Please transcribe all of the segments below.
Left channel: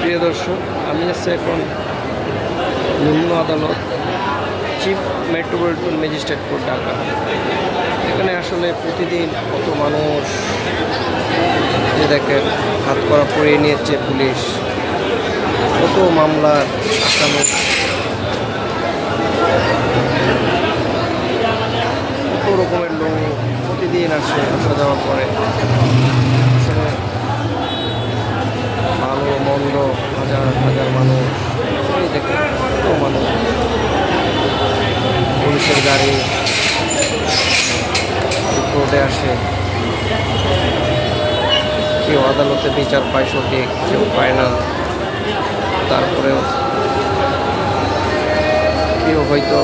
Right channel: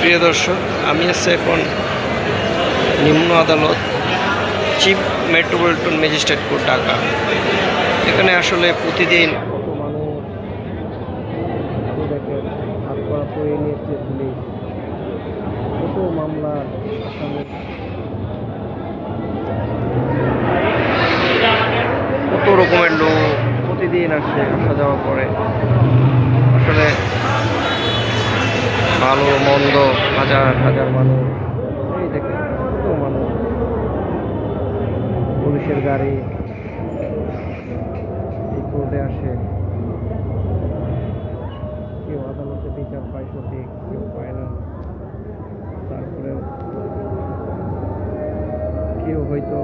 প্রিয় দর্শক, আমি আছি এখন নিম্ন আদালত chief metropolitan magistrate court Dhaka. এখানে আসলে প্রতিদিন কত মানুষ দেখেন, হাত করা পরিয়ে নিয়েছে পুলিশ, কত মামলার আসামি। কত রকমের লোক প্রতিদিন আসে আসা যাওয়া করে আসলে ভালো, মন্দ, হাজার হাজার মানুষ। এই দেখুন কত মানুষ। পুলিশের গাড়ি কোর্টে আসে। কেউ আদালতে বিচার পায়, সঠিক, কেউ পায় না। তারপরেও কেউ হয়তো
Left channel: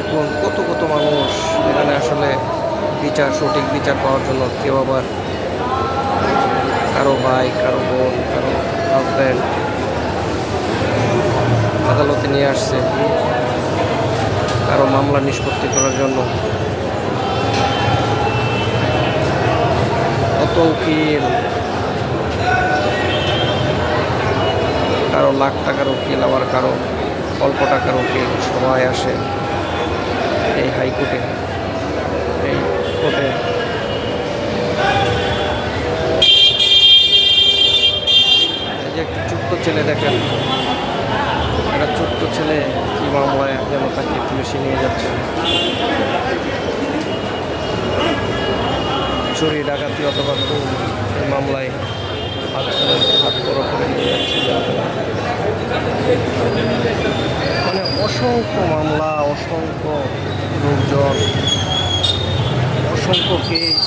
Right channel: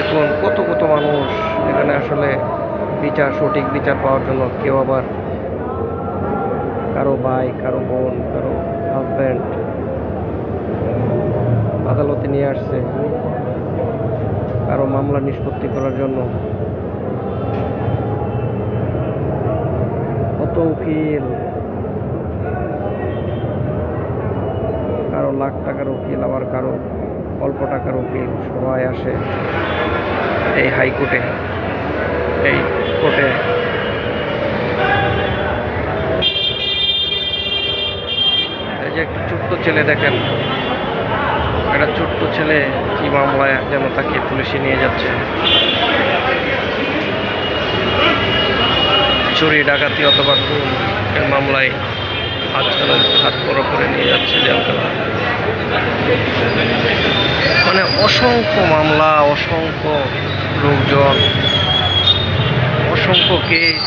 দেখুন, কত কত মানুষ এখানে আসলে বিচার, সঠিক বিচার পাওয়ার জন্য কেউ আবার কারও ভাই, কারও বোন, কারও হাজব্যান্ড আদালতে নিয়ে আসছে, কারও মামলা নিষ্পত্তি করার জন্য। কত উকিল কারও লাখ টাকার উকিল, আবার কারও অল্প টাকার উকিল, সবাই আসে। এই হাইকোর্টে এই কোর্টে এই যে একটা ছোট্ট ছেলে দেখেন। একটা ছোট্ট ছেলে কি মামলায় যেন তাকে পুলিশে নিয়ে যাচ্ছে। চুরি, ডাকাতি অথবা খুন এর মামলায় হাত হাত বড় করে নিয়ে যাচ্ছে জেলখানা। মানে অসংখ্য মামলা, অসংখ্য লোকজন, অসংখ্য কেস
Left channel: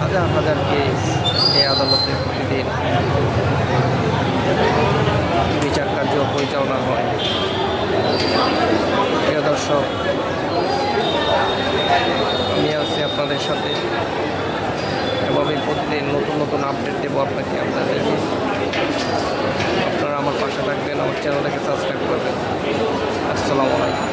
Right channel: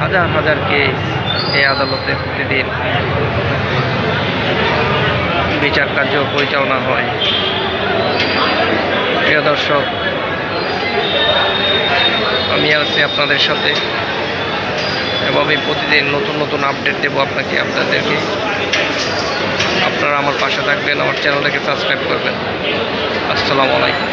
হাজার হাজার কেস এই আদালতে প্রতিদিন বিচার কার্য পরিচালনা হয়। প্রিয় দর্শক, আমি আছি আপনাদের সাথে এভাবে প্রতিদিন নতুন নতুন আপডেট দেবো আপনাকে, আপনাদেরকে। আপনারা আমার পাশে থাকবেন, আমার চ্যানেলটাকে সাবস্ক্রাইব করবেন। আসসালামু আলাইকুম।